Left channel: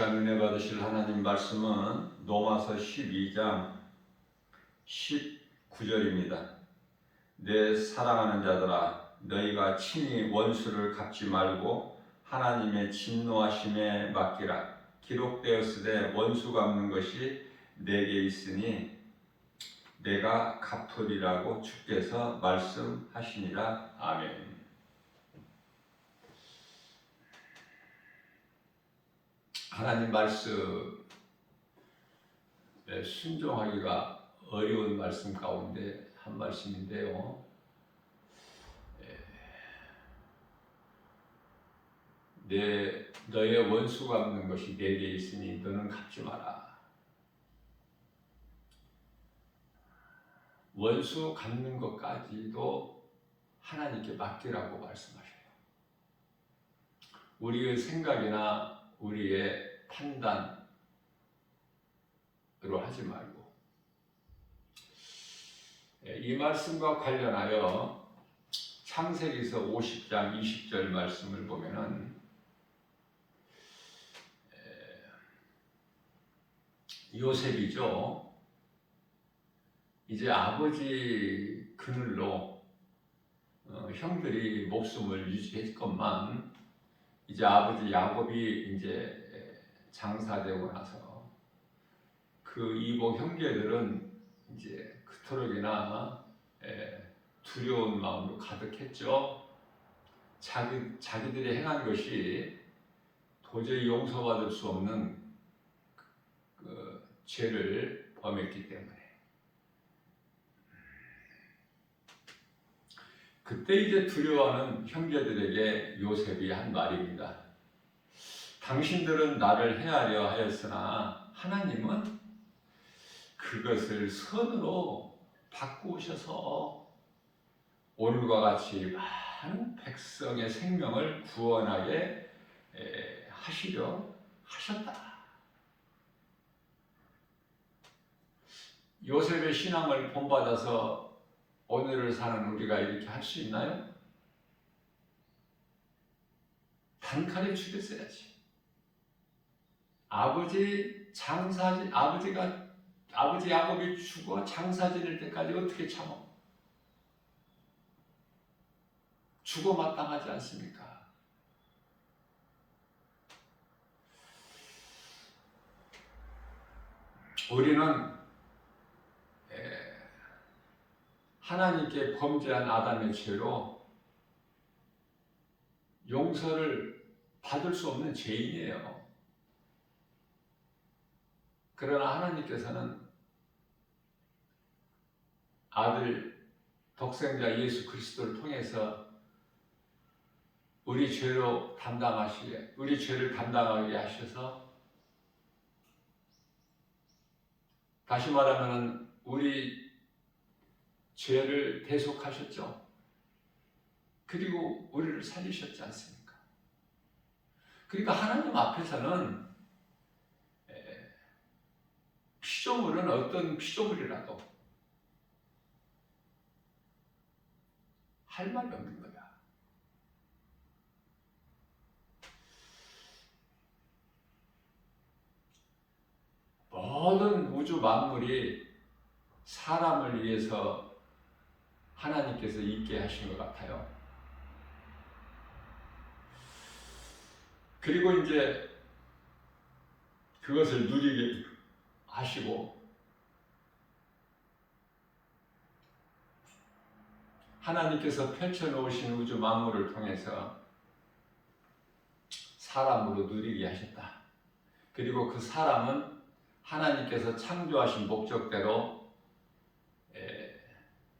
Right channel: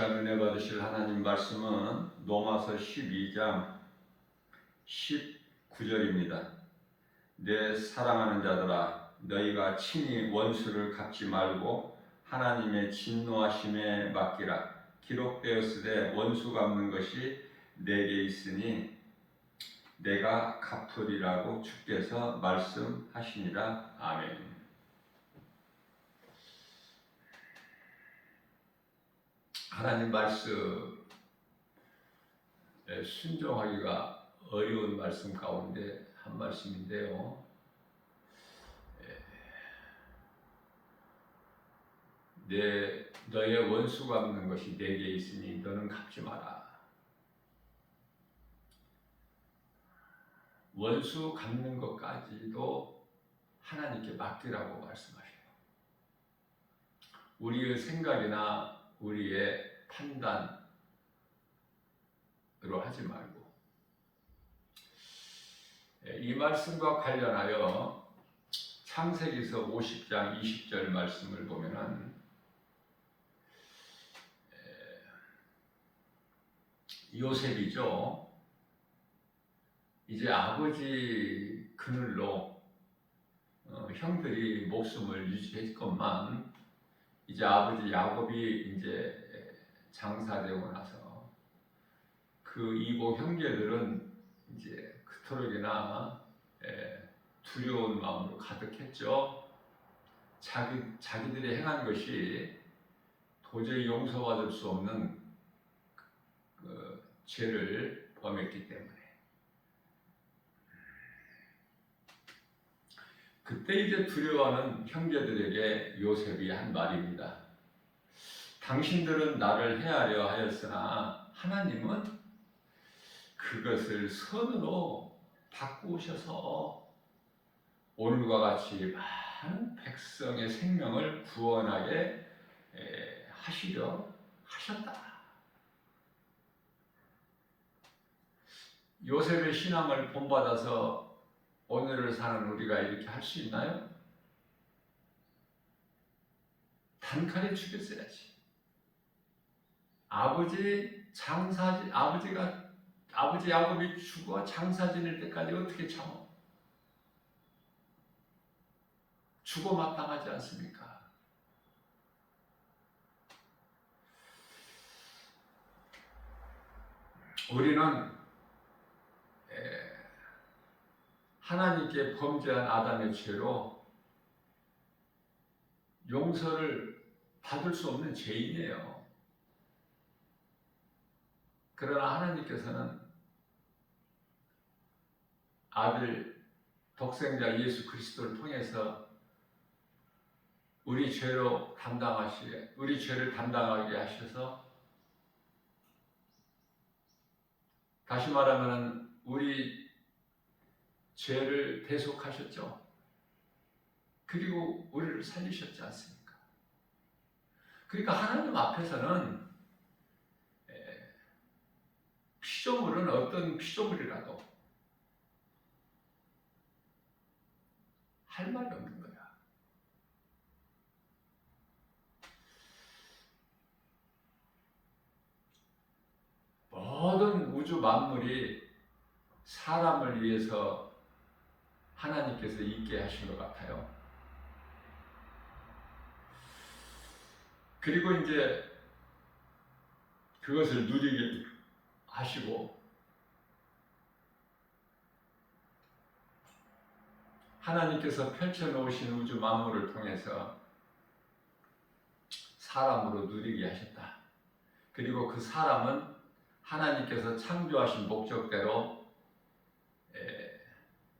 시간 은혜 받으실 하나님 말씀은 로마서 12장 19절입니다. 내 사랑하는 자들아, 너희가 친히 원수를 갚지 말고 하나님의 진노하심에 맡기라. 기록되었으되 원수 갚는 것이 내게 있으니 내가 갚으리라고 주께서 말씀하시니라. 아멘. 하나님 말씀에 순종하기가 어려운 말씀 가운데 한 말씀인데요. 너의 원수 갚는 것이 내게 있으니 너는 갚지 마라. 원수 갚는 것까지도 하나님께 맡기라고 말씀하셔요. 우리의 생각이나 우리의 판단으로 하지 말고, 이 말씀과 관련하여 창세기서 50장 20절 말씀을 보면은 요셉이죠. 이제 아버지 그늘로 형들이 목숨을 유지했건만 이제 아버지 야곱이 이제 장사되고 나서 그 이복 형제들은 이제 그토록이나 두려운 마음으로 가득했죠. 자기들이 행한 것이 도저히 용서받을 수 없는 그 죄를 범했기 때문에 그때 이제 두려워하는 형제들에게 요셉이 한 말입니다. 당신들은 나를 해하려 하였으나 하나님은 그것을 선으로 바꾸셔서 오늘과 같이 많은 백성의 생명을 구원하게 하시려 하셨다. 요셉의 신앙을 본받아서 오늘을 사는 우리가 이렇게 할 수 있나요? 단칼에 죽였어야지. 아버지 야곱이 죽어 장사 지낼 때까지 어떻게 참아? 죽어 마땅하지 않습니까? 우리는 하나님께 범죄한 아담의 죄로 용서를 받을 수 없는 죄인이에요. 그러나 하나님께서는 아들 독생자 예수 그리스도를 통해서 우리 죄를 담당하게 하셔서, 다시 말하면 우리 죄를 대속하셨죠. 그리고 우리를 살리셨지 않습니까? 그러니까 하나님 앞에서는 피조물은 어떤 피조물이라도 할 말이 없는 거야. 모든 우주 만물이 사람을 위해서 하나님께서 있게 하신 것 같아요. 그리고 이제 그것을 누리게 하시고, 하나님께서 펼쳐놓으신 우주 만물을 통해서 사람으로 누리게 하셨다. 그리고 그 사람은 하나님께서 창조하신 목적대로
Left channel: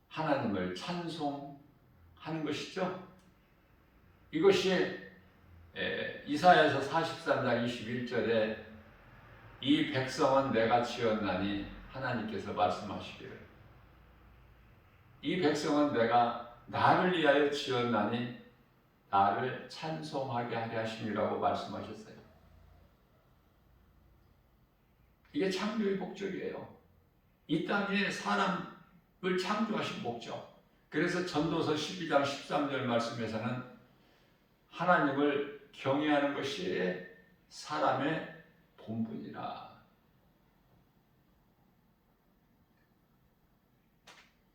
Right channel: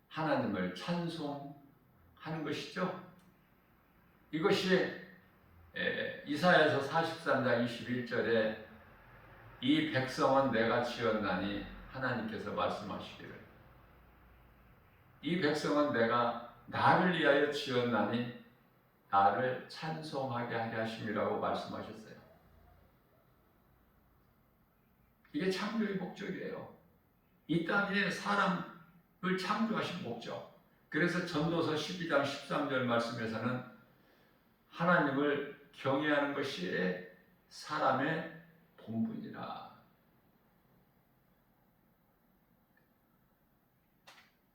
하나님을 찬송하는 것이죠. 이것이 이사야서 43장 21절에 이 백성은 내가 지었나니 하나님께서 말씀하시기를, 이 백성은 내가 나를 위하여 지었나니 나를 찬송하게 하려 하심이라고 말씀하셨어요. 이게 창조의 목적이에요. 이 땅에 사람을 창조하신 목적. 그래서 전도서 12장 13절 말씀에서는 하나님을 경외하는 것이 사람의 본분이라.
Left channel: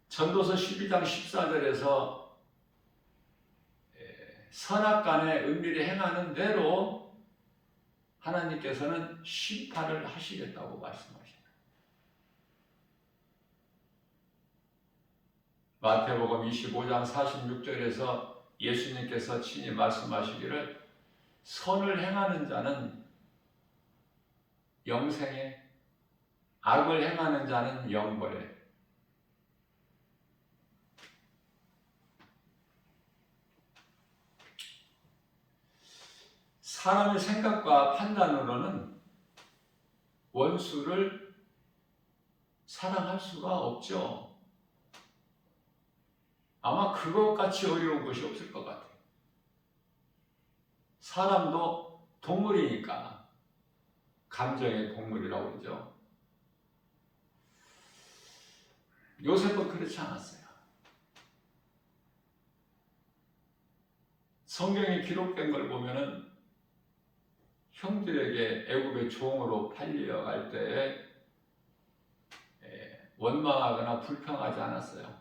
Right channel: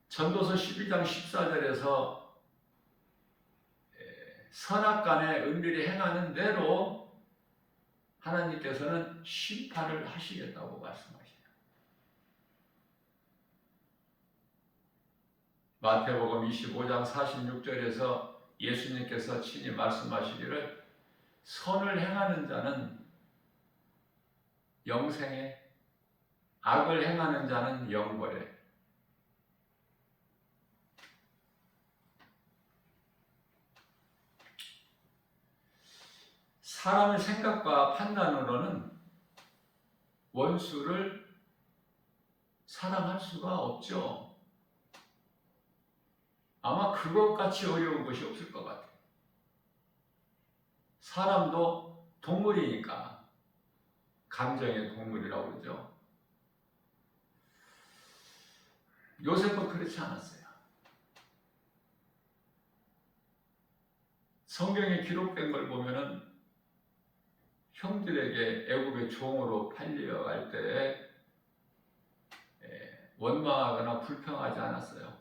전도서 12장 14절에서 선악간에 은밀히 행하는 대로 하나님께서는 심판을 하시겠다고 말씀하시죠. 마태복음 25장 46절에서 예수님께서 친히 말씀하시기를 선을 행하는 자는 영생에, 악을 행하는 자는 영벌에. 사람의 생각과 판단으로는 원수를 사랑할 수가 없죠. 아마 그것같이 어려운 것이 없을 것 같아요. 사람도 동물이니까 감정의 동물이라고 그러죠. 요셉은 그렇지 않았어요. 성경에 기록된 걸 보면은 형들에게 애굽의 종으로 팔려갈 때 원망하거나 불평하지 않았어요.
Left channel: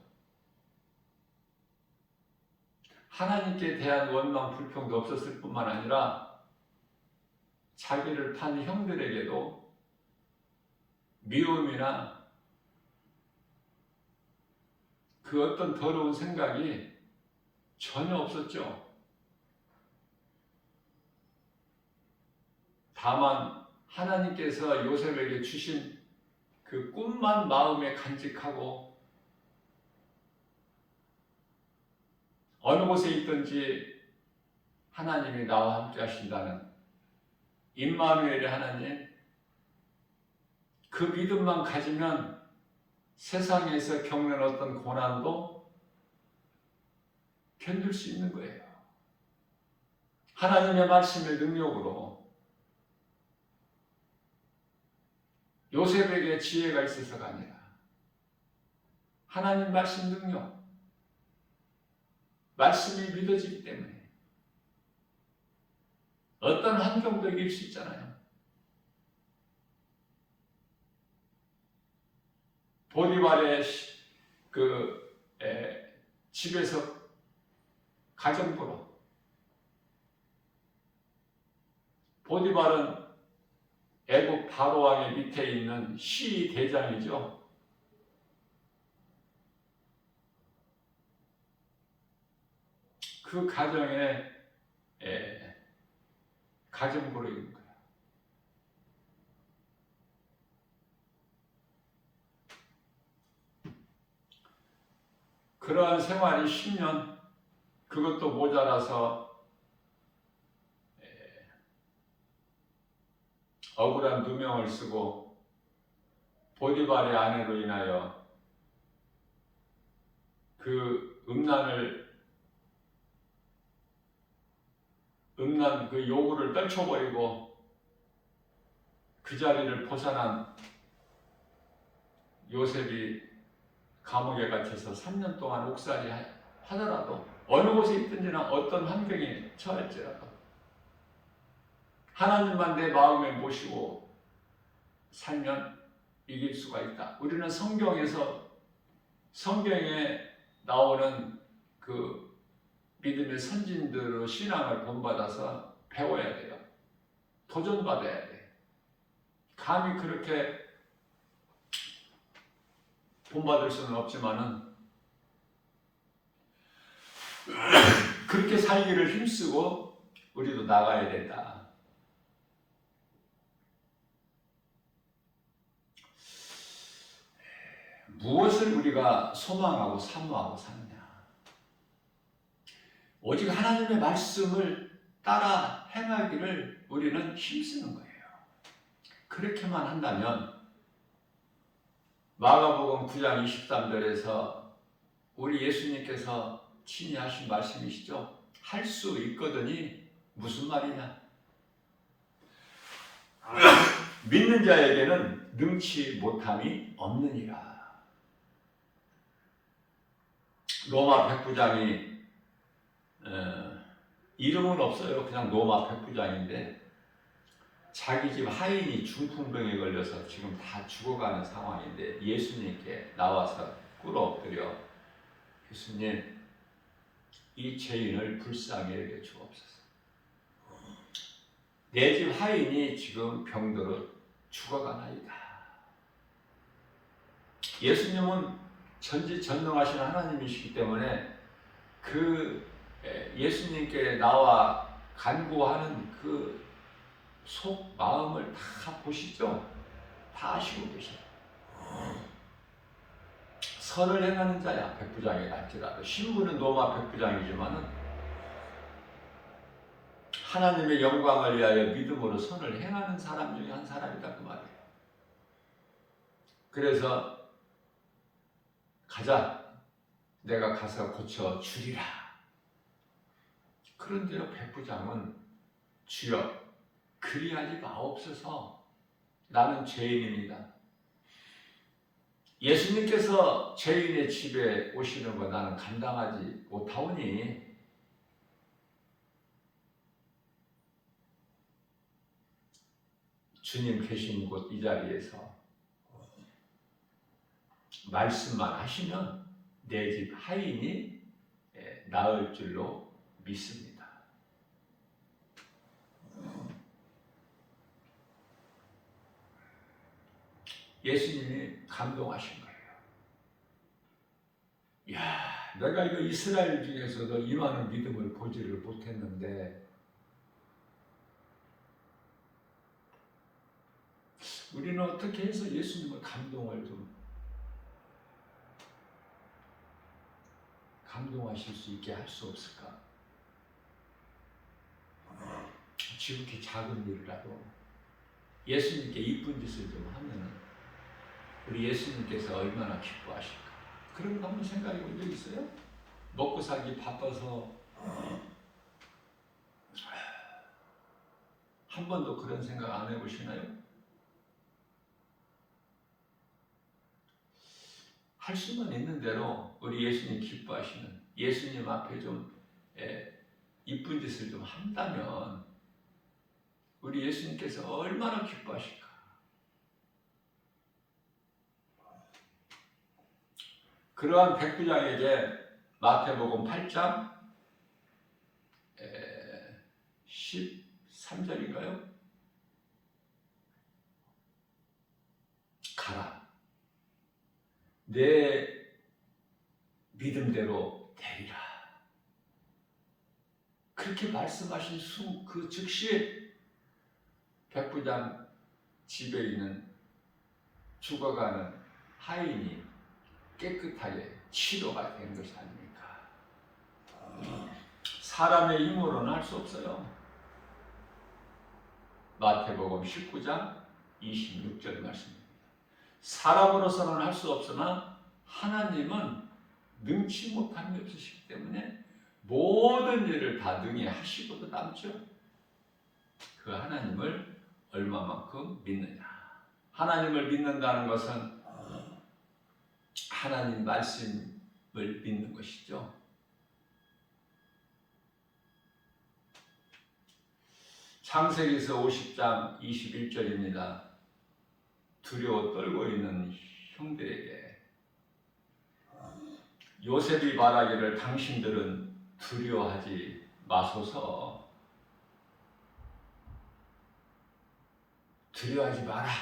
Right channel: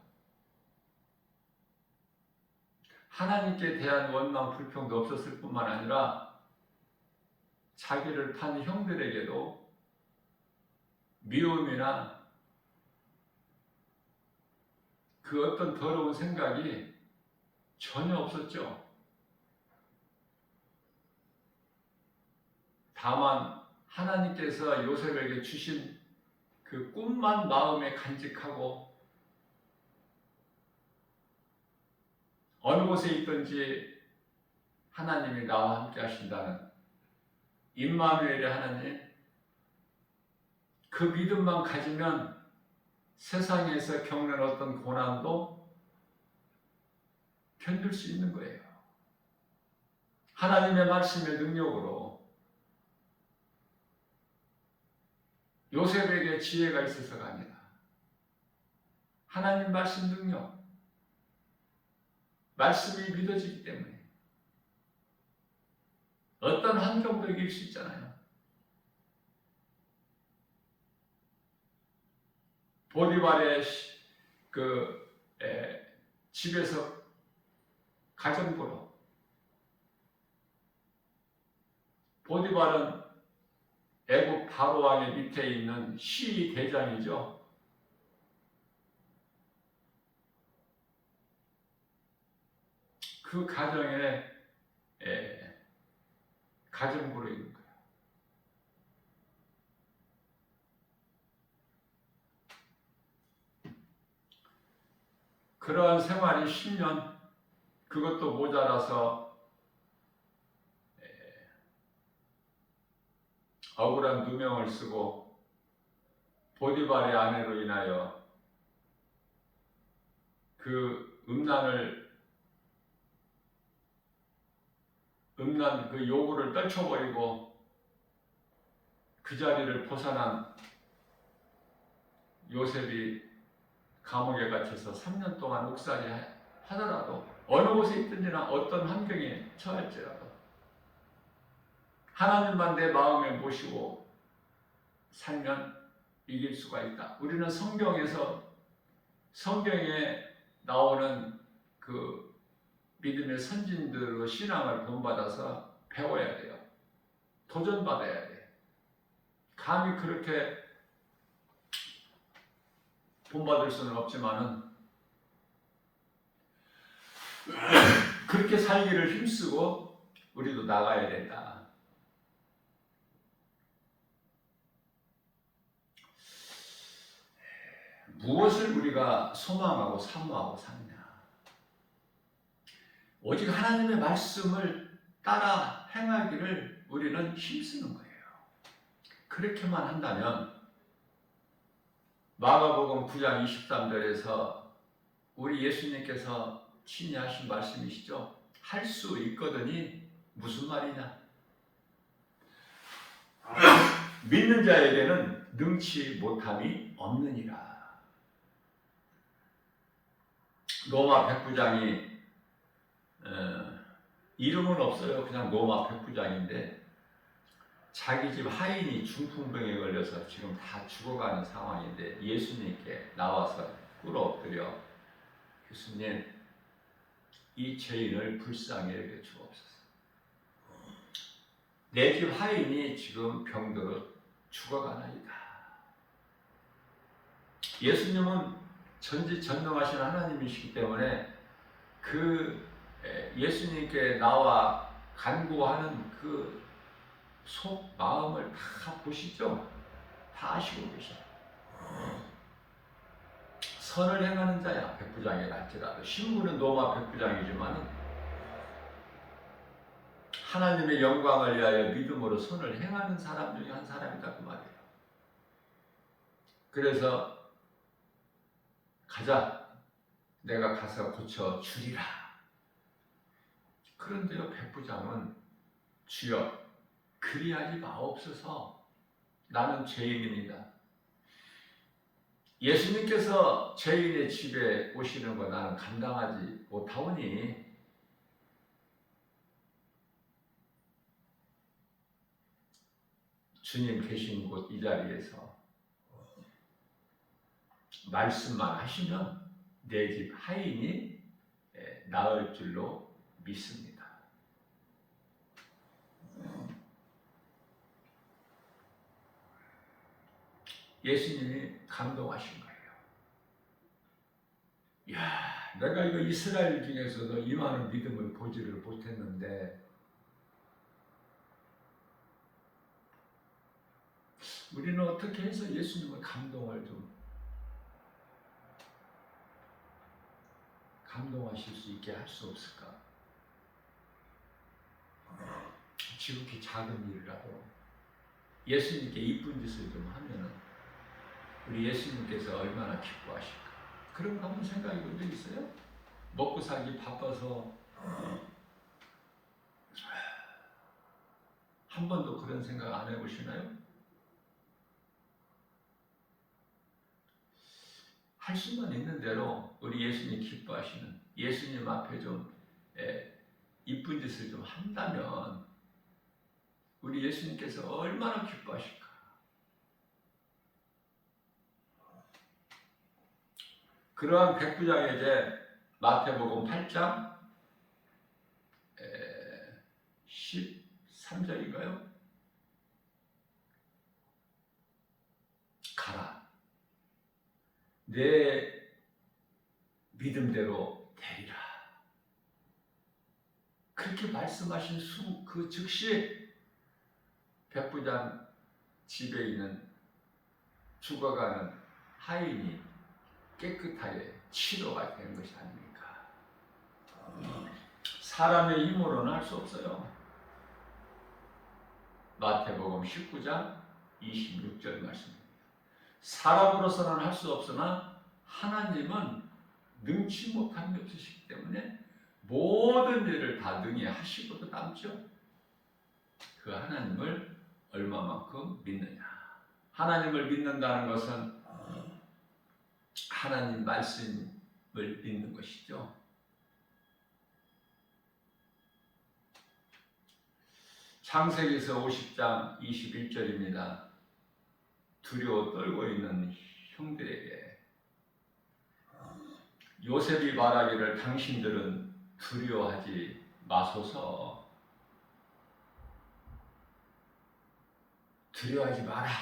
하나님께 대한 원망, 불평도 없었을 뿐만 아니라 자기를 판 형들에게도 미움이나 그 어떤 더러운 생각이 전혀 없었죠. 다만 하나님께서 요셉에게 주신 그 꿈만 마음에 간직하고 어느 곳에 있든지 하나님이 나와 함께 하신다는 임마누엘의 하나님, 그 믿음만 가지면 세상에서 겪는 어떤 고난도 견딜 수 있는 거예요. 하나님의 말씀의 능력으로. 요셉에게 지혜가 있어서가 아니라 하나님 말씀 능력, 말씀이 믿어지기 때문에 어떤 환경도 이길 수 있잖아요. 보디발의 집에서 가정부로, 보디발은 애국 바로왕의 밑에 있는 시 대장이죠. 그 가정에 가정부로 있는 거예요. 그러한 생활이 10년, 그것도 모자라서 억울한 누명을 쓰고 보디발의 아내로 인하여 그 음란 그 요구를 떨쳐버리고 그 자리를 벗어난 요셉이 감옥에 갇혀서 3년 동안 옥살이 하더라도, 어느 곳에 있든지나 어떤 환경에 처할지라도 하나님만 내 마음에 모시고 살면 이길 수가 있다. 우리는 성경에 나오는 그 믿음의 선진들의 신앙을 본받아서 배워야 돼요. 도전받아야 돼. 감히 그렇게 본받을 수는 없지만은 그렇게 살기를 힘쓰고 우리도 나가야 된다. 무엇을 우리가 소망하고 사모하고 사느냐? 오직 하나님의 말씀을 따라 행하기를 우리는 힘쓰는 거예요. 그렇게만 한다면 마가복음 9장 23절에서 우리 예수님께서 친히 하신 말씀이시죠. 할 수 있거든이 무슨 말이냐? 믿는 자에게는 능치 못함이 없느니라. 로마 백부장이 이름은 없어요. 그냥 로마 백부장인데 자기 집 하인이 중풍병에 걸려서 지금 다 죽어가는 상황인데 예수님께 나와서 꿇어 엎드려 예수님, 이 죄인을 불쌍히 여겨 주옵소서. 내 집 하인이 지금 병들어 죽어가나이다. 예수님은 전지전능하신 하나님이시기 때문에 그 예수님께 나와 간구하는 그 속 마음을 다 보시죠? 다 아시고 계셔요. 선을 행하는 자야 백부장이 날지라도 신분은 로마 백부장이지만은 하나님의 영광을 위하여 믿음으로 선을 행하는 사람 중에 한 사람이다 그 말이에요. 그래서 가자, 내가 가서 고쳐 주리라. 그런데요, 백부장은 주여 그리하지 마옵소서, 나는 죄인입니다. 예수님께서 죄인의 집에 오시는 거 나는 감당하지 못하오니 주님 계신 곳 이 자리에서 말씀만 하시면 내 집 하인이 나을 줄로 믿습니다. 예수님이 감동하신 거예요. 이야, 내가 이거 이스라엘 중에서도 이 많은 믿음을 보지를 못했는데 우리는 어떻게 해서 예수님의 감동을 좀 감동하실 수 있게 할 수 없을까? 지극히 작은 일이라도 예수님께 이쁜 짓을 좀 하면은 우리 예수님께서 얼마나 기뻐하실까? 그런 거 한번 생각해 본 적 있어요? 먹고 살기 바빠서 한 번도 그런 생각 안 해보시나요? 할 수만 있는 대로 우리 예수님 기뻐하시는 예수님 앞에 좀 이쁜 짓을 좀 한다면 우리 예수님께서 얼마나 기뻐하실까? 그러한 백부장에게 마태복음 8장 13절인가요? 가라. 내 믿음대로 되리라. 그렇게 말씀하신 그 즉시 백부장 집에 있는 죽어가는 하인이 깨끗하게 치료가 되는 것이 아닙니까? 사람의 힘으로는 할 수 없어요. 마태복음 19장 26절 말씀입니다. 사람으로서는 할 수 없으나 하나님은 능치 못함이 없으시기 때문에 모든 일을 다 능히 하시고도 남죠. 그 하나님을 얼마만큼 믿느냐. 하나님을 믿는다는 것은 하나님 말씀을 믿는 것이죠. 창세기서 50장 21절입니다. 두려워 떨고 있는 형들에게 요셉이 말하기를 당신들은 두려워하지 마소서. 두려워하지 마라.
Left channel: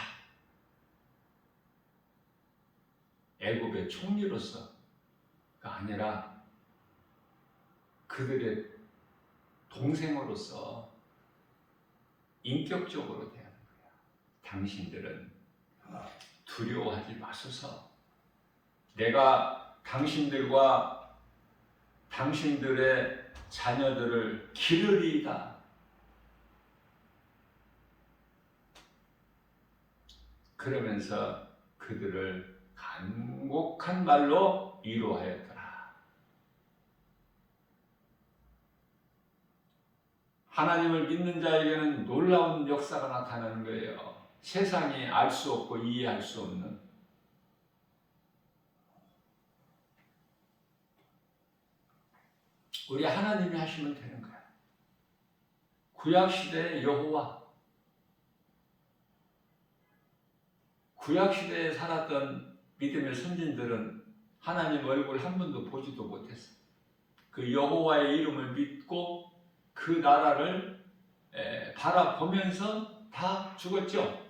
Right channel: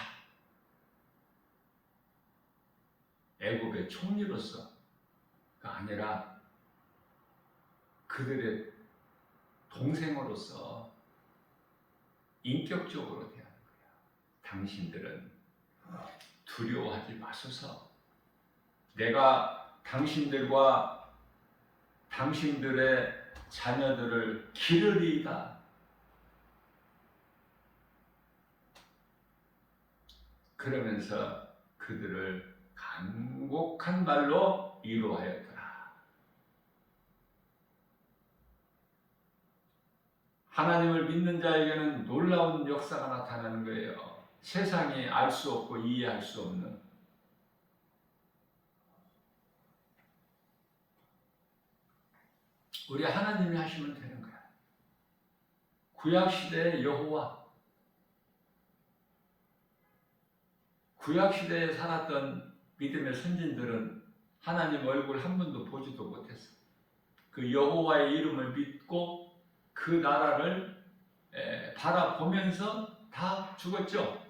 애굽의 총리로서가 아니라 그들의 동생으로서 인격적으로 대하는 거야. 당신들은 두려워하지 마소서. 내가 당신들과 당신들의 자녀들을 기르리이다. 그러면서 그들을 간곡한 말로 위로하였더라. 하나님을 믿는 자에게는 놀라운 역사가 나타나는 거예요. 세상이 알 수 없고 이해할 수 없는 우리 하나님이 하시면 되는 거야. 구약시대의 여호와, 구약 시대에 살았던 믿음의 선진들은 하나님 얼굴 한 번도 보지도 못했어요. 그 여호와의 이름을 믿고 그 나라를 바라보면서 다 죽었죠.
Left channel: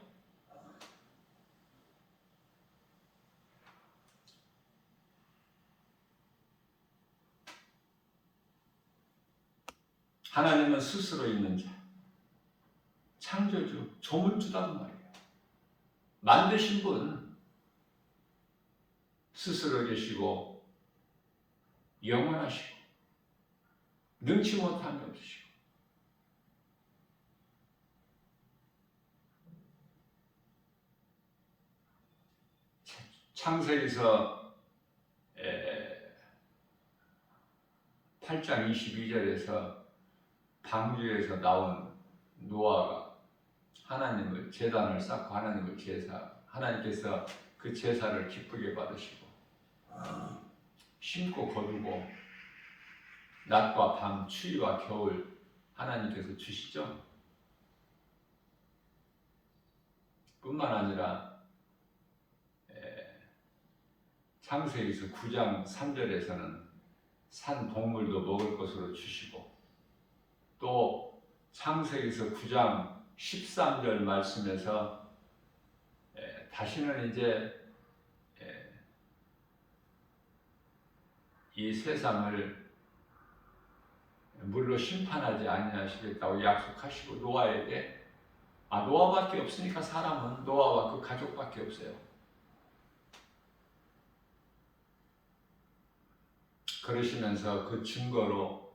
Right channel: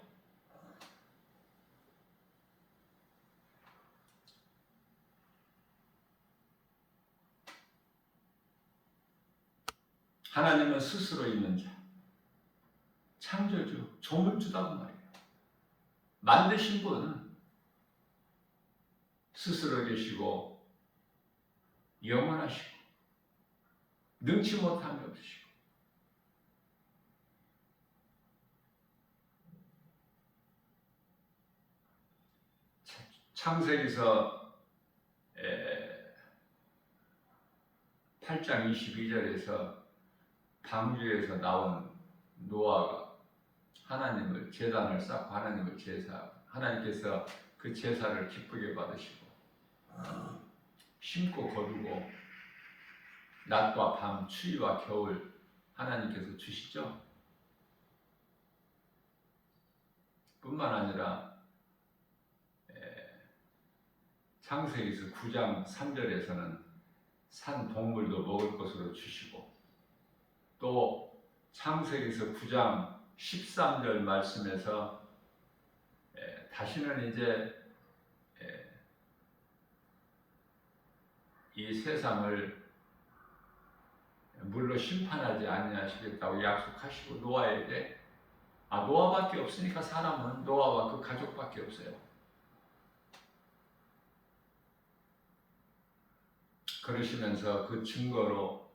하나님은 스스로 있는 자, 창조주, 조물주라고 말이에요. 만드신 분 스스로 계시고 영원하시고 능치 못함이 없으시고 창세기서 8장 22절에서 방주에서 나온 노아가 하나님을 제단을 쌓고 하나님을 하나님께서 그 제사를 기쁘게 받으시고 심고 거두고 낮과 밤 추위와 겨울 하나님께서 주시죠. 뿐만 아니라 창세기서 9장 3절에서는 산 동물도 먹을 것으로 주시고 또 창세기서 9장 13절 말씀에서 다시는 이제 이 세상을 물로 심판하지 아니하시겠다고 약속하시고 노아에게 노아밖에 없으니까 사람은 노아와 그 가족밖에 없어요. 그러시면서 그 증거로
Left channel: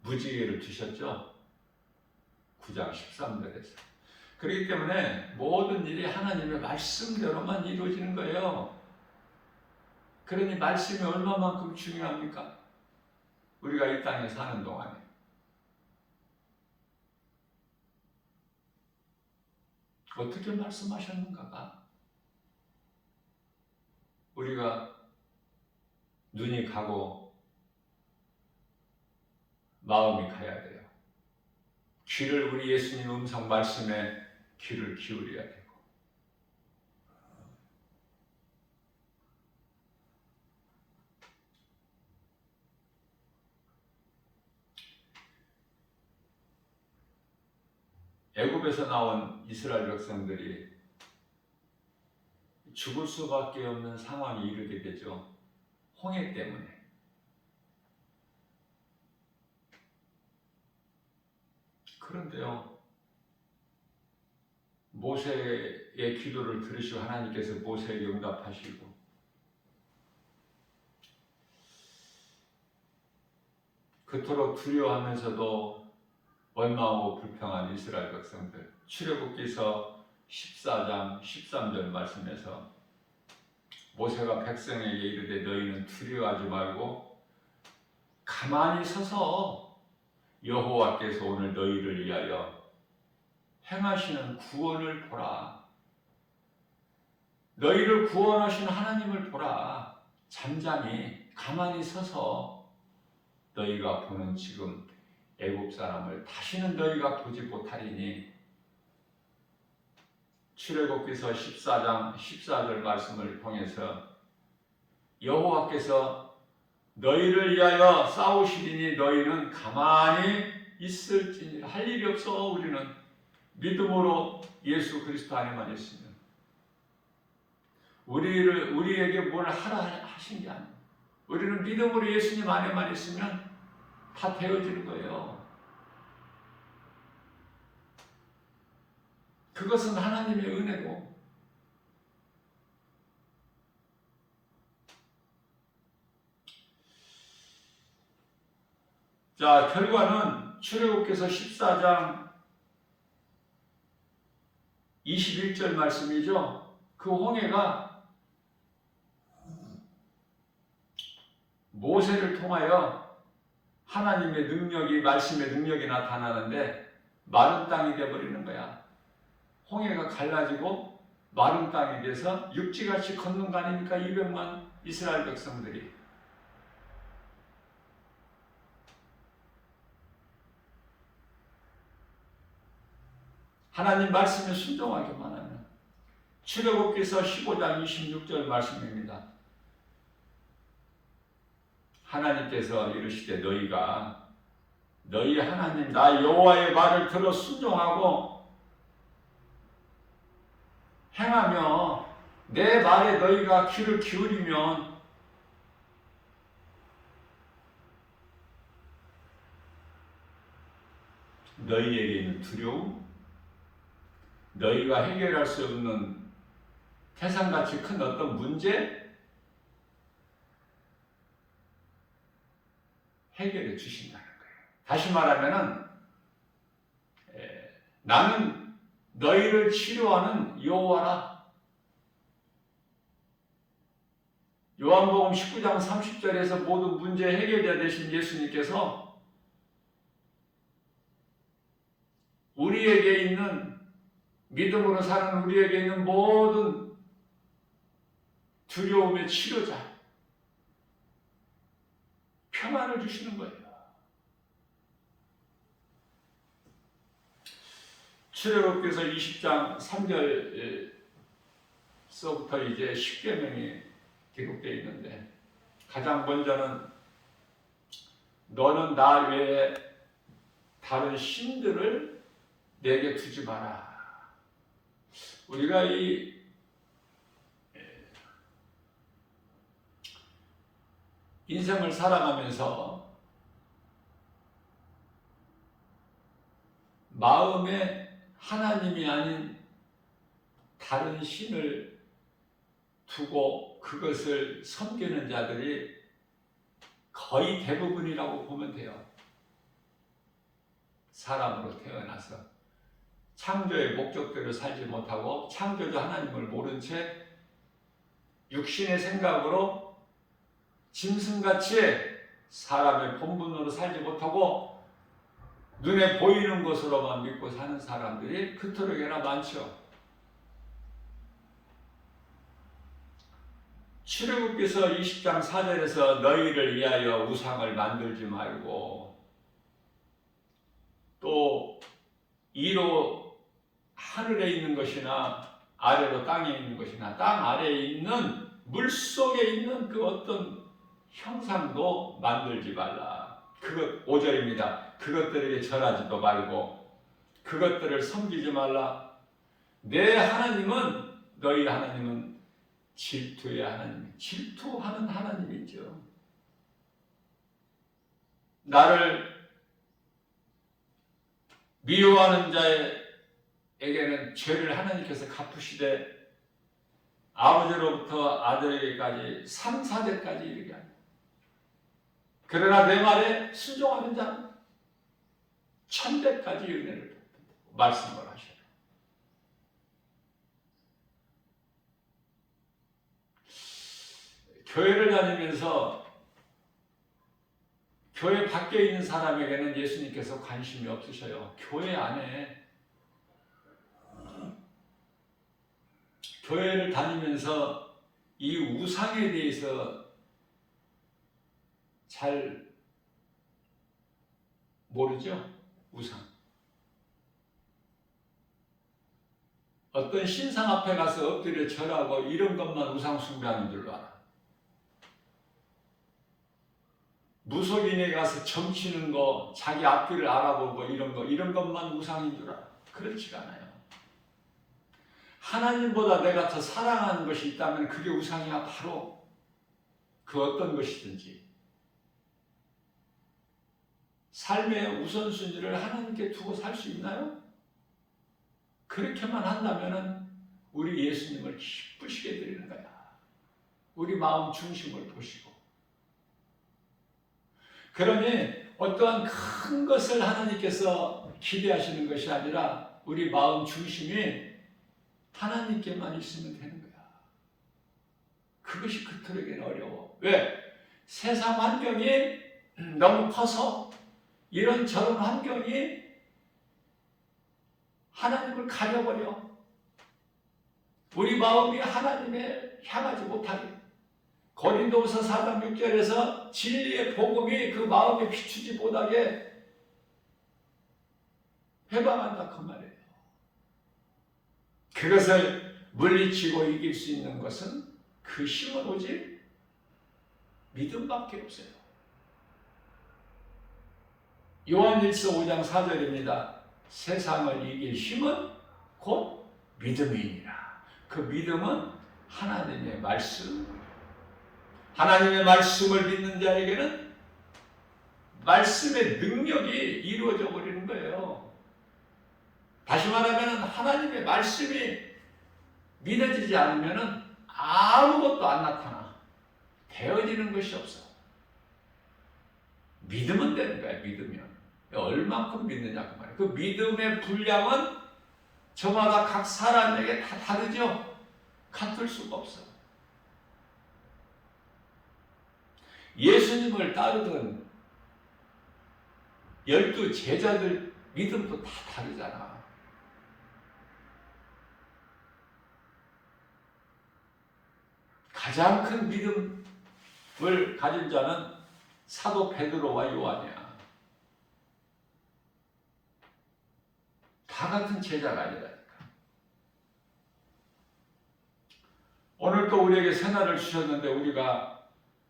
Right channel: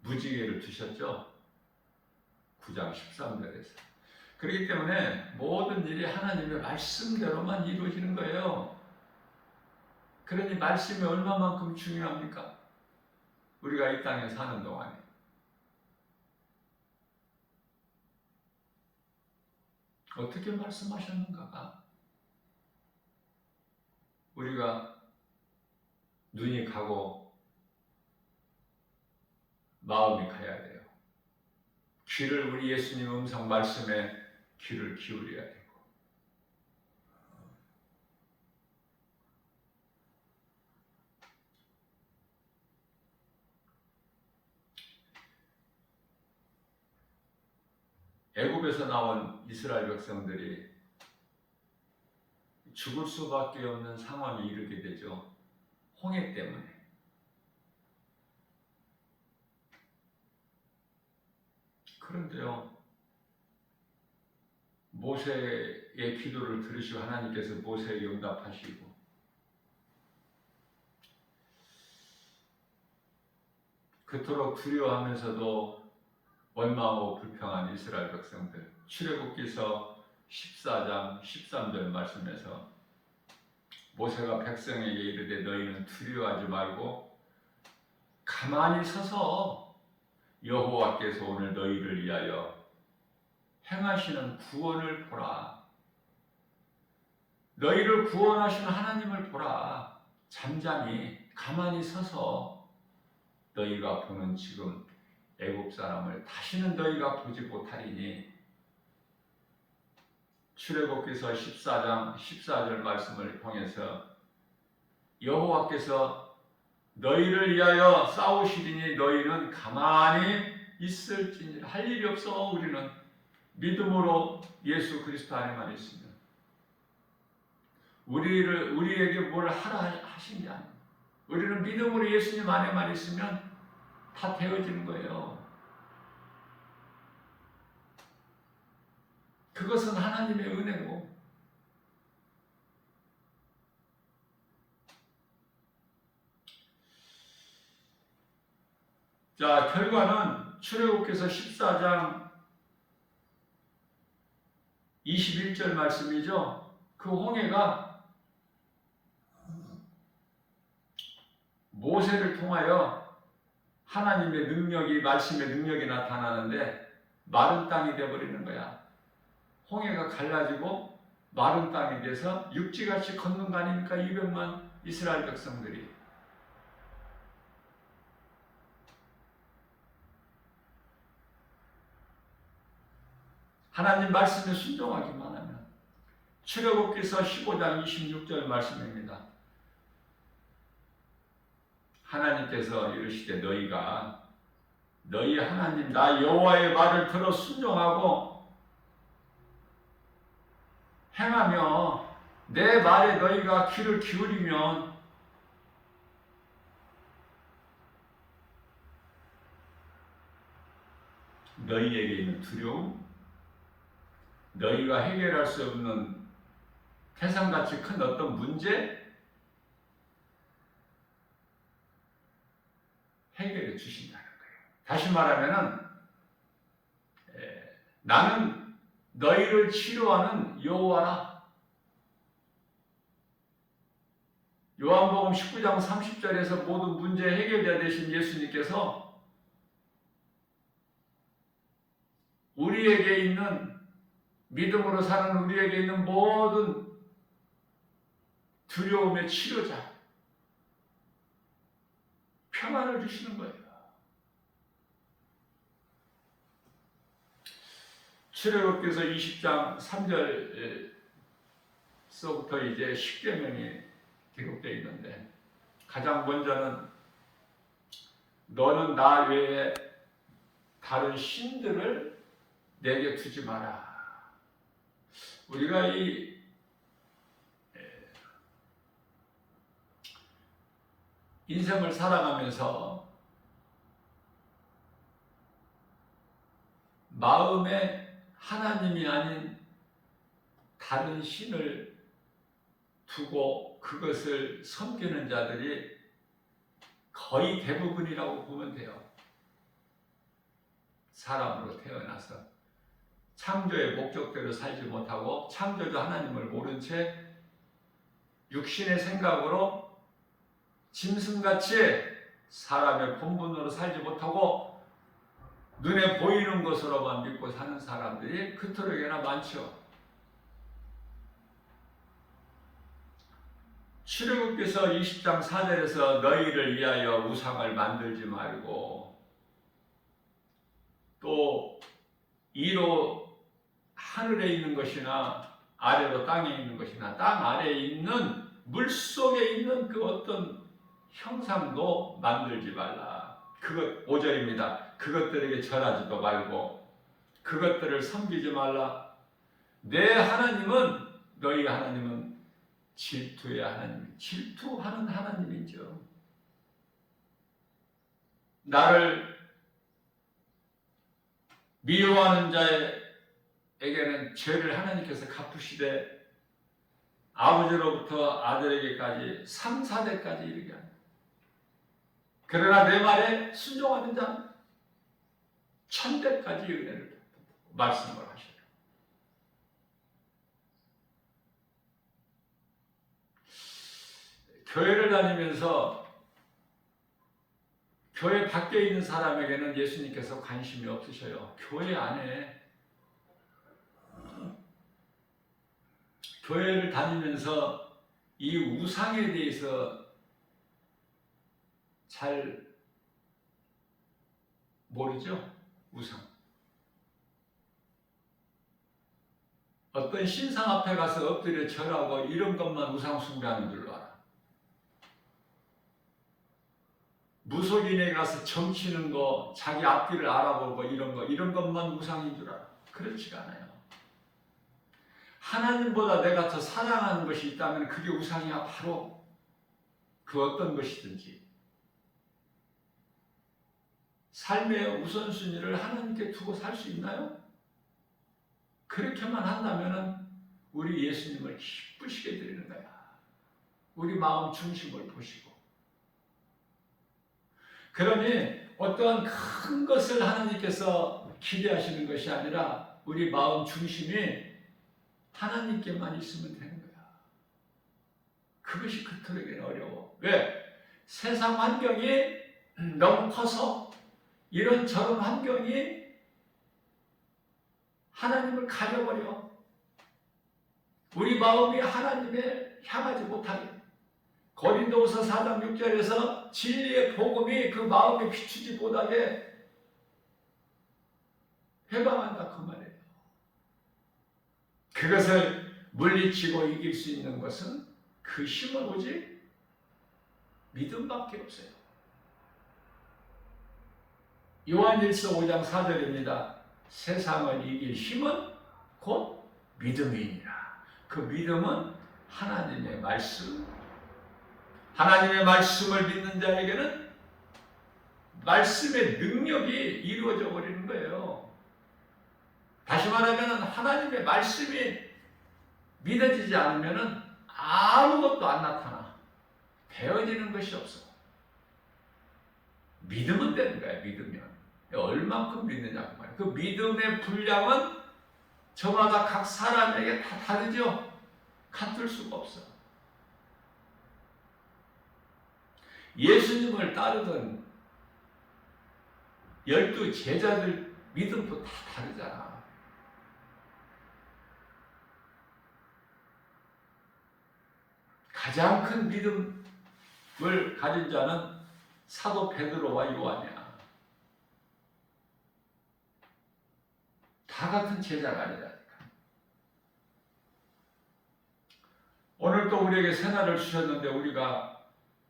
무지개를 주셨죠. 9장 13절에서. 그렇기 때문에 모든 일이 하나님의 말씀대로만 이루어지는 거예요. 그러니 말씀이 얼마만큼 중요합니까? 우리가 이 땅에 사는 동안에. 어떻게 말씀하셨는가가 우리가 눈이 가고 마음이 가야 돼요. 귀를 우리 예수님 음성 말씀에 귀를 기울여야 되고 애굽에서 나온 이스라엘 백성들이 죽을 수밖에 없는 상황에 이르게 되죠. 홍해 때문에. 그런데요, 모세의 기도를 들으시고 하나님께서 모세에게 응답하시고 그토록 두려워하면서도 원망하고 불평한 이스라엘 백성들, 출애굽기서 14장 13절 말씀에서 모세가 백성에게 이르되 너희는 두려워하지 말고 가만히 서서 여호와께서 오늘 너희를 위하여 행하시는 구원을 보라. 너희를 구원하신 하나님을 보라. 잠잠히 가만히 서서 너희가 보는 지금 애굽 사람을 다시는 너희가 보지 못하리니 출애굽기서 14장 14절 말씀을 통해서 여호와께서 너희를 위하여 싸우시리니 너희는 가만히 있을지니 할 일이 없어. 우리는 믿음으로 예수 그리스도 안에만 있으면 우리에게 뭘 하라 하신 게 아니에요. 우리는 믿음으로 예수님 안에만 있으면 다 되어지는 거예요. 그것은 하나님의 은혜고 자, 결과는 출애굽기서 14장 21절 말씀이죠. 그 홍해가 모세를 통하여 하나님의 능력이, 말씀의 능력이 나타나는데 마른 땅이 되어버리는 거야. 홍해가 갈라지고 마른 땅이 돼서 육지같이 걷는 거 아닙니까? 200만 이스라엘 백성들이. 하나님 말씀에 순종하기만 하면 출애굽기서 15장 26절 말씀입니다. 하나님께서 이르시되 너희가 너희 하나님 나 여호와의 말을 들어 순종하고 행하며 내 말에 너희가 귀를 기울이면 너희에게 있는 두려움, 너희가 해결할 수 없는 태산같이 큰 어떤 문제 해결해 주신다는 거예요. 다시 말하면은 나는 너희를 치료하는 여호와라. 요한복음 19장 30절에서 모든 문제 해결자 되신 예수님께서 우리에게 있는 믿음으로 사는 우리에게 있는 모든 두려움의 치료자, 평안을 주시는 거예요. 출애굽기서 20장 3절서부터 이제 십계명이 기록되어 있는데 가장 먼저는 너는 나 외에 다른 신들을 내게 두지 마라. 우리가 이 인생을 살아가면서 마음에 하나님이 아닌 다른 신을 두고 그것을 섬기는 자들이 거의 대부분이라고 보면 돼요. 사람으로 태어나서 창조의 목적대로 살지 못하고 창조자 하나님을 모른 채 육신의 생각으로 짐승같이 사람의 본분으로 살지 못하고 눈에 보이는 것으로만 믿고 사는 사람들이 그토록이나 많죠. 출애굽기서 20장 4절에서 너희를 위하여 우상을 만들지 말고 또 이로 하늘에 있는 것이나 아래로 땅에 있는 것이나 땅 아래에 있는 물속에 있는 그 어떤 형상도 만들지 말라. 그것 5절입니다. 그것들에게 절하지도 말고 그것들을 섬기지 말라. 내 하나님은 너희 하나님은 질투의 하나님, 질투하는 하나님이죠. 나를 미워하는 자에게는 죄를 하나님께서 갚으시되 아버지로부터 아들에게까지 3, 4대까지 이르게 합니다. 그러나 내 말에 순종하는 자는 1000대까지 은혜를 말씀을 하셔요. 교회를 다니면서 교회 밖에 있는 사람에게는 예수님께서 관심이 없으셔요. 교회 안에 교회를 다니면서 이 우상에 대해서 잘 모르죠? 우상. 어떤 신상 앞에 가서 엎드려 절하고 이런 것만 우상 숭배하는 줄로 알아. 무속인에 가서 점치는 거, 자기 앞길을 알아보고 이런 것만 우상인 줄 알아. 그렇지가 않아요. 하나님보다 내가 더 사랑하는 것이 있다면 그게 우상이야. 바로 그 어떤 것이든지. 삶의 우선순위를 하나님께 두고 살 수 있나요? 그렇게만 한다면 우리 예수님을 기쁘시게 드리는 거야. 우리 마음 중심을 보시고. 그러니 어떠한 큰 것을 하나님께서 기대하시는 것이 아니라 우리 마음 중심이 하나님께만 있으면 되는 거야. 그것이 그토록이나 어려워. 왜? 세상 환경이 너무 커서 이런 저런 환경이 하나님을 가려버려. 우리 마음이 하나님에 향하지 못하게. 고린도후서 4장 6절에서 진리의 복음이 그 마음에 비추지 못하게 해방한다 그 말이에요. 그것을 물리치고 이길 수 있는 것은 그 힘은 오직 믿음밖에 없어요. 요한일서 5장 4절입니다. 세상을 이길 힘은 곧 믿음이니라. 그 믿음은 하나님의 말씀, 하나님의 말씀을 믿는 자에게는 말씀의 능력이 이루어져 버리는 거예요. 다시 말하면 하나님의 말씀이 믿어지지 않으면 아무것도 안 나타나. 되어지는 것이 없어. 믿으면 되는 거야. 믿으면. 얼만큼 믿느냐 그 말이야. 그 믿음의 분량은 저마다 각 사람에게 다 다르죠. 같을 수가 없어. 예수님을 따르던 12 제자들 믿음도 다 다르잖아. 가장 큰 믿음을 가진 자는 사도 베드로와 요한이야. 다 같은 제자가 아니라니까. 오늘 또 우리에게 새날을 주셨는데 우리가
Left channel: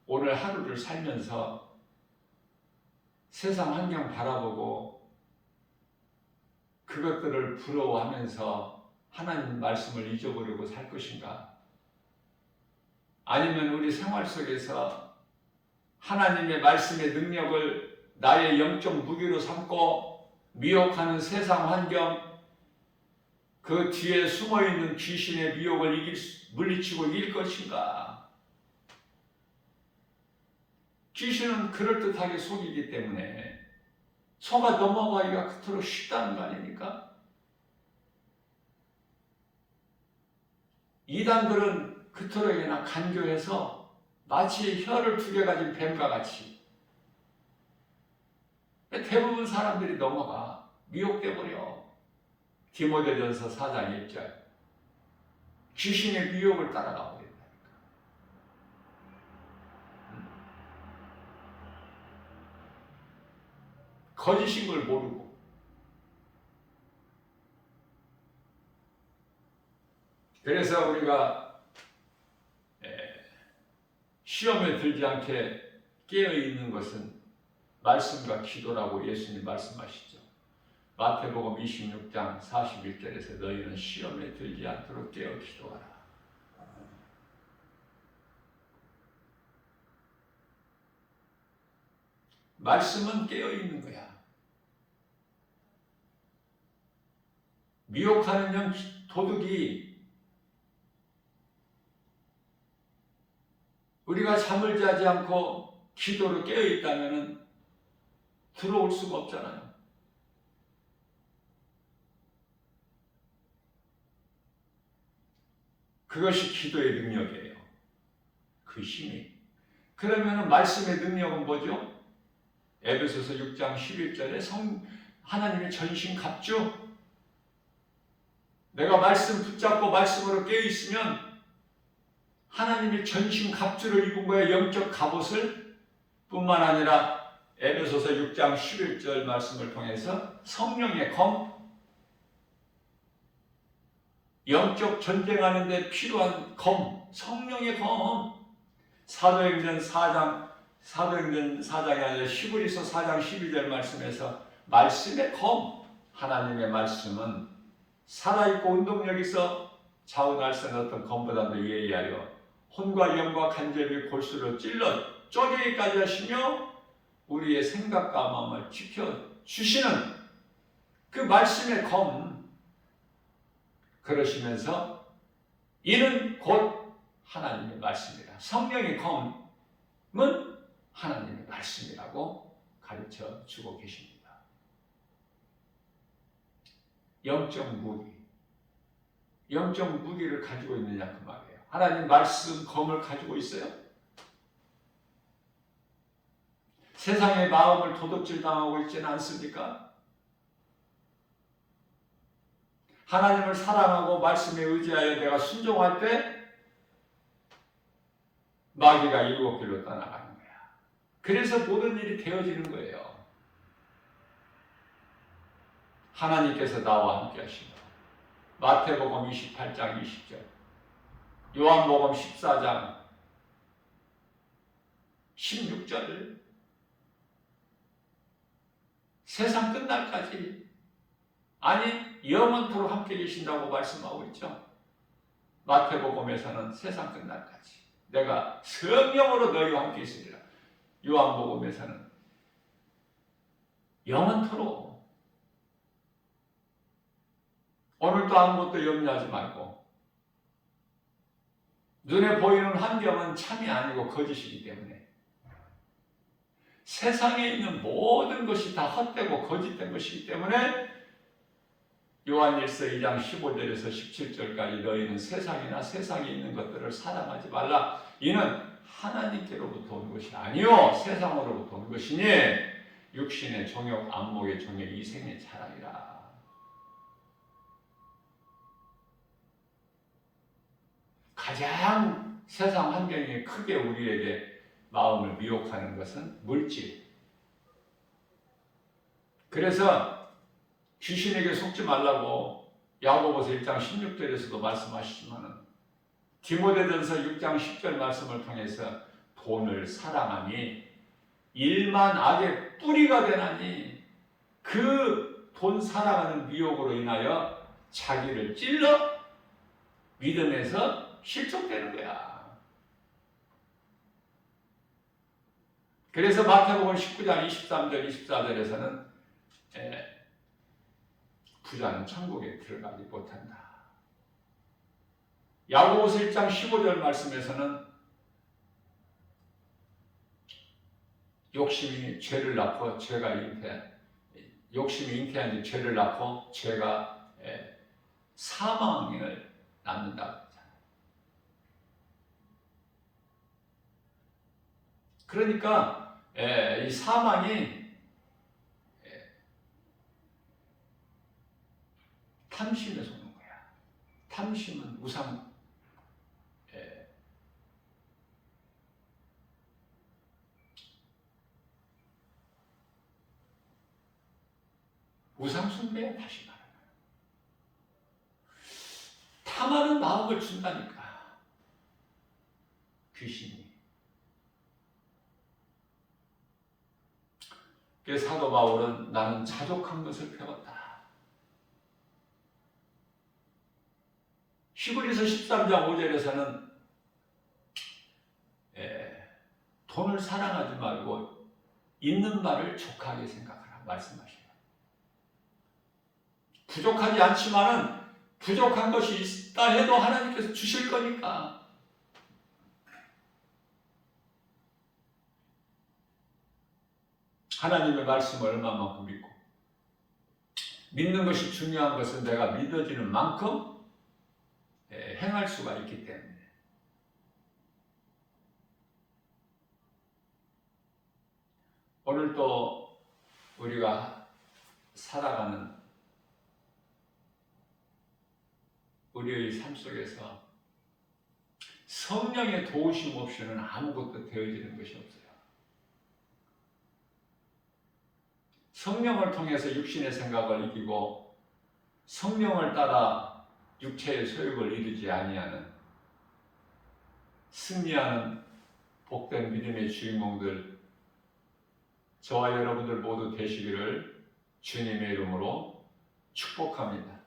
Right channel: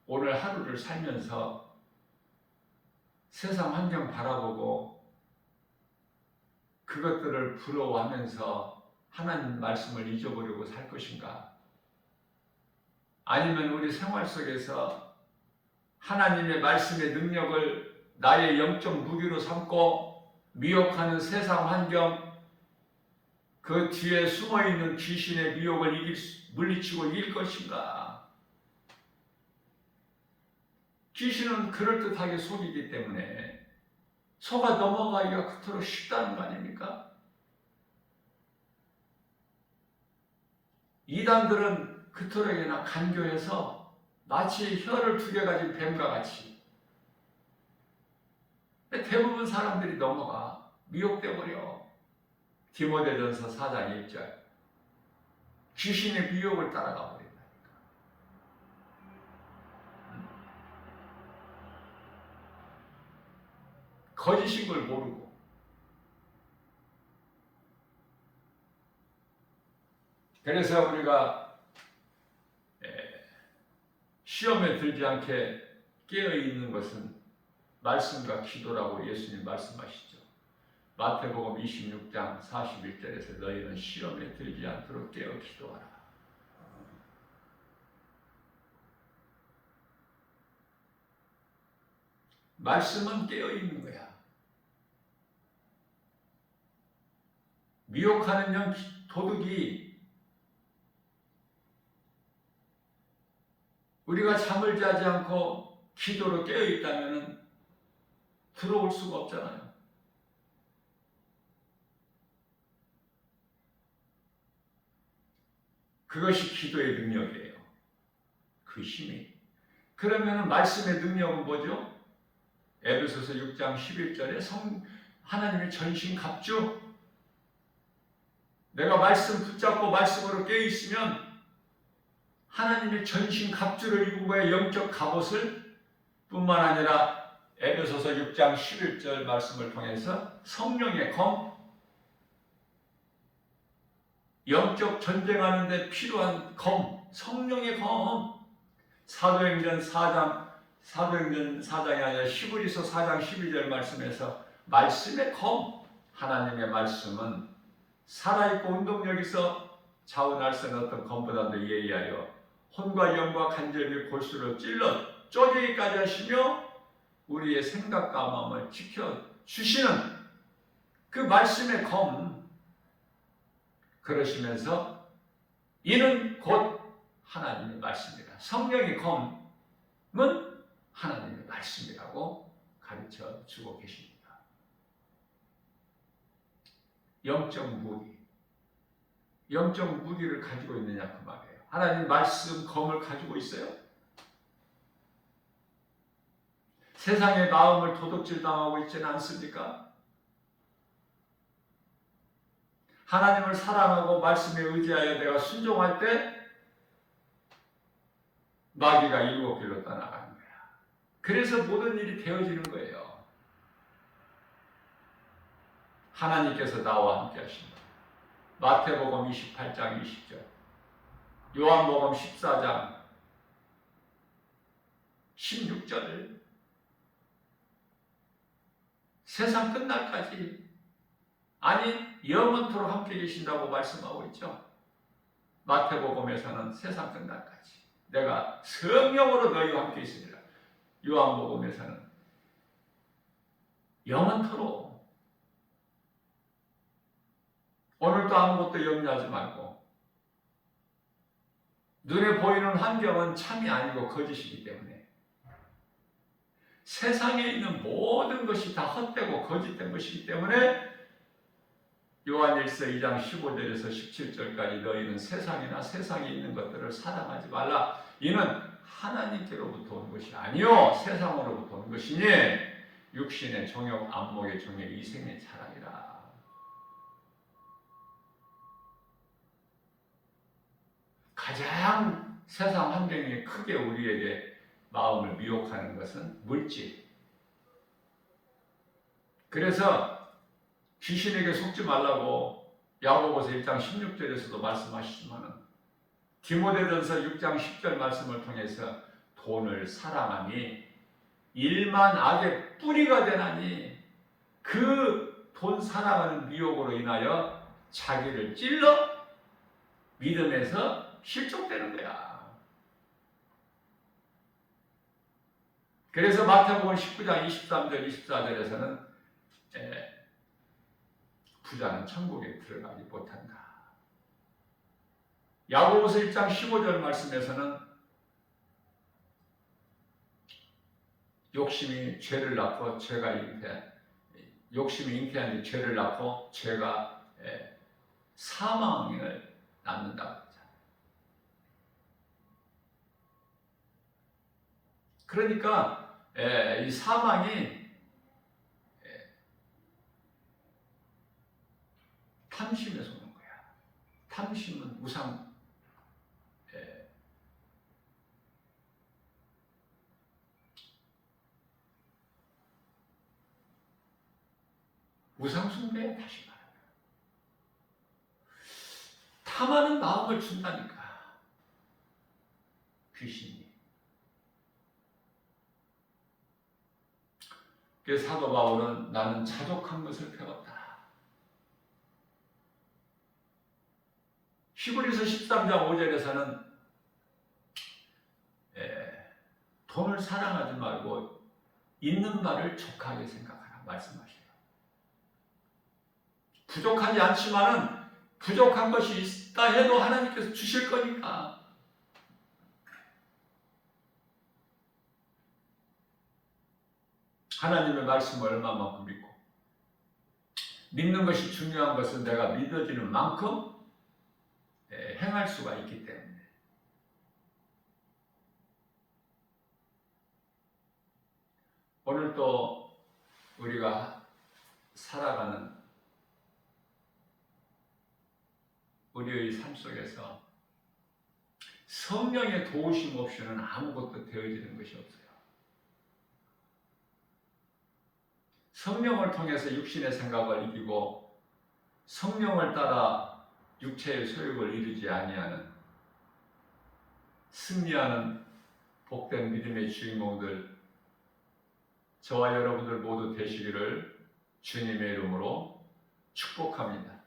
오늘 하루를 살면서 세상 환경 바라보고 그것들을 부러워하면서 하나님 말씀을 잊어버리고 살 것인가? 아니면 우리 생활 속에서 하나님의 말씀의 능력을 나의 영적 무기로 삼고 미혹하는 세상 환경, 그 뒤에 숨어있는 귀신의 미혹을 물리치고 이길 것인가? 귀신은 그럴듯하게 속이기 때문에 속아 넘어가기가 그토록 쉽다는 거 아닙니까? 이단들은 그토록이나 간교해서 마치 혀를 2개 가진 뱀과 같이 대부분 사람들이 넘어가 미혹돼 버려. 디모데전서 4장 1절 귀신의 미혹을 따라가 버린다니까. 거짓인 걸 모르고 그래서 우리가 시험에 들지 않게 깨어있는 것은 말씀과 기도라고 예수님 말씀하시죠. 마태복음 26장 41절에서 너희는 시험에 들지 않도록 깨어 기도하라. 말씀은 깨어있는 거야. 미혹하는 영 도둑이 우리가 잠을 자지 않고 기도로 깨어있다면 들어올 수가 없잖아요. 그것이 기도의 능력이에요. 그 힘이. 그러면 말씀의 능력은 뭐죠? 에베소서 6장 11절에 하나님의 전신 갑주. 내가 말씀 붙잡고 말씀으로 깨어있으면 하나님의 전신 갑주를 입은 거예요. 영적 갑옷을. 뿐만 아니라 에베소서 6장 11절 말씀을 통해서 성령의 검, 영적 전쟁하는 데 필요한 검, 성령의 검. 사도행전 4장이 아니라 히브리서 4장 12절 말씀에서 말씀의 검, 하나님의 말씀은 살아있고 운동력 있어 자원할 수 없는 어떤 검보다도 예리하여 혼과 영과 간절히 골수를 찔러 쪼개기까지 하시며 우리의 생각과 마음을 지켜주시는 그 말씀의 검. 그러시면서 이는 곧 하나님의 말씀이다. 성령의 검은 하나님의 말씀이라고 가르쳐 주고 계십니다. 영적 무기. 영적 무기를 가지고 있느냐 그 말이에요. 하나님 말씀 검을 가지고 있어요? 세상의 마음을 도둑질 당하고 있지는 않습니까? 하나님을 사랑하고 말씀에 의지하여 내가 순종할 때 마귀가 7길로 떠나가는 거야. 그래서 모든 일이 되어지는 거예요. 하나님께서 나와 함께 하신다. 마태복음 28장 20절 요한복음 14장 16절 세상 끝날까지 아니 영원토록 함께 계신다고 말씀하고 있죠. 마태복음에서는 세상 끝날까지 내가 성령으로 너희와 함께 있으리라. 요한복음에서는 영원토록. 오늘도 아무것도 염려하지 말고 눈에 보이는 환경은 참이 아니고 거짓이기 때문에 세상에 있는 모든 것이 다 헛되고 거짓된 것이기 때문에 요한일서 2장 15절에서 17절까지 너희는 세상이나 세상에 있는 것들을 사랑하지 말라. 이는 하나님께로부터 온 것이 아니요 세상으로부터 온 것이니 육신의 정욕, 안목의 정욕, 이생의 자랑이라. 가장 세상 환경이 크게 우리에게 마음을 미혹하는 것은 물질. 그래서 귀신에게 속지 말라고 야고보서 1장 16절에서도 말씀하시지만 디모데전서 6장 10절 말씀을 통해서 돈을 사랑하니 일만 악의 뿌리가 되나니 그 돈 사랑하는 미혹으로 인하여 자기를 찔러 믿음에서 실족되는 거야. 그래서 마태복음 19장 23절 24절에서는 부자는 천국에 들어가지 못한다. 야고보서 1장 15절 말씀에서는 욕심이 죄를 낳고 욕심이 잉태한 뒤 죄를 낳고 죄가 사망을 낳는다. 그러니까 이 사망이 탐심에서 오는 거야. 탐심은 우상 숭배야. 다시 말하면 탐하는 마음을 준다니까 귀신이. 그래서 사도 바울은 나는 자족한 것을 배웠다. 히브리서 13장 5절에서는 돈을 사랑하지 말고 있는 바를 족하게 생각하라 말씀하셔요. 부족하지 않지만은 부족한 것이 있다 해도 하나님께서 주실 거니까. 하나님의 말씀을 얼마만큼 믿고 믿는 것이 중요한 것은 내가 믿어지는 만큼 행할 수가 있기 때문에. 오늘 또 우리가 살아가는 우리의 삶 속에서 성령의 도우심 없이는 아무것도 되어지는 것이 없어요. 성령을 통해서 육신의 생각을 이기고 성령을 따라 육체의 소욕을 이루지 아니하는 승리하는 복된 믿음의 주인공들 저와 여러분들 모두 되시기를 주님의 이름으로 축복합니다.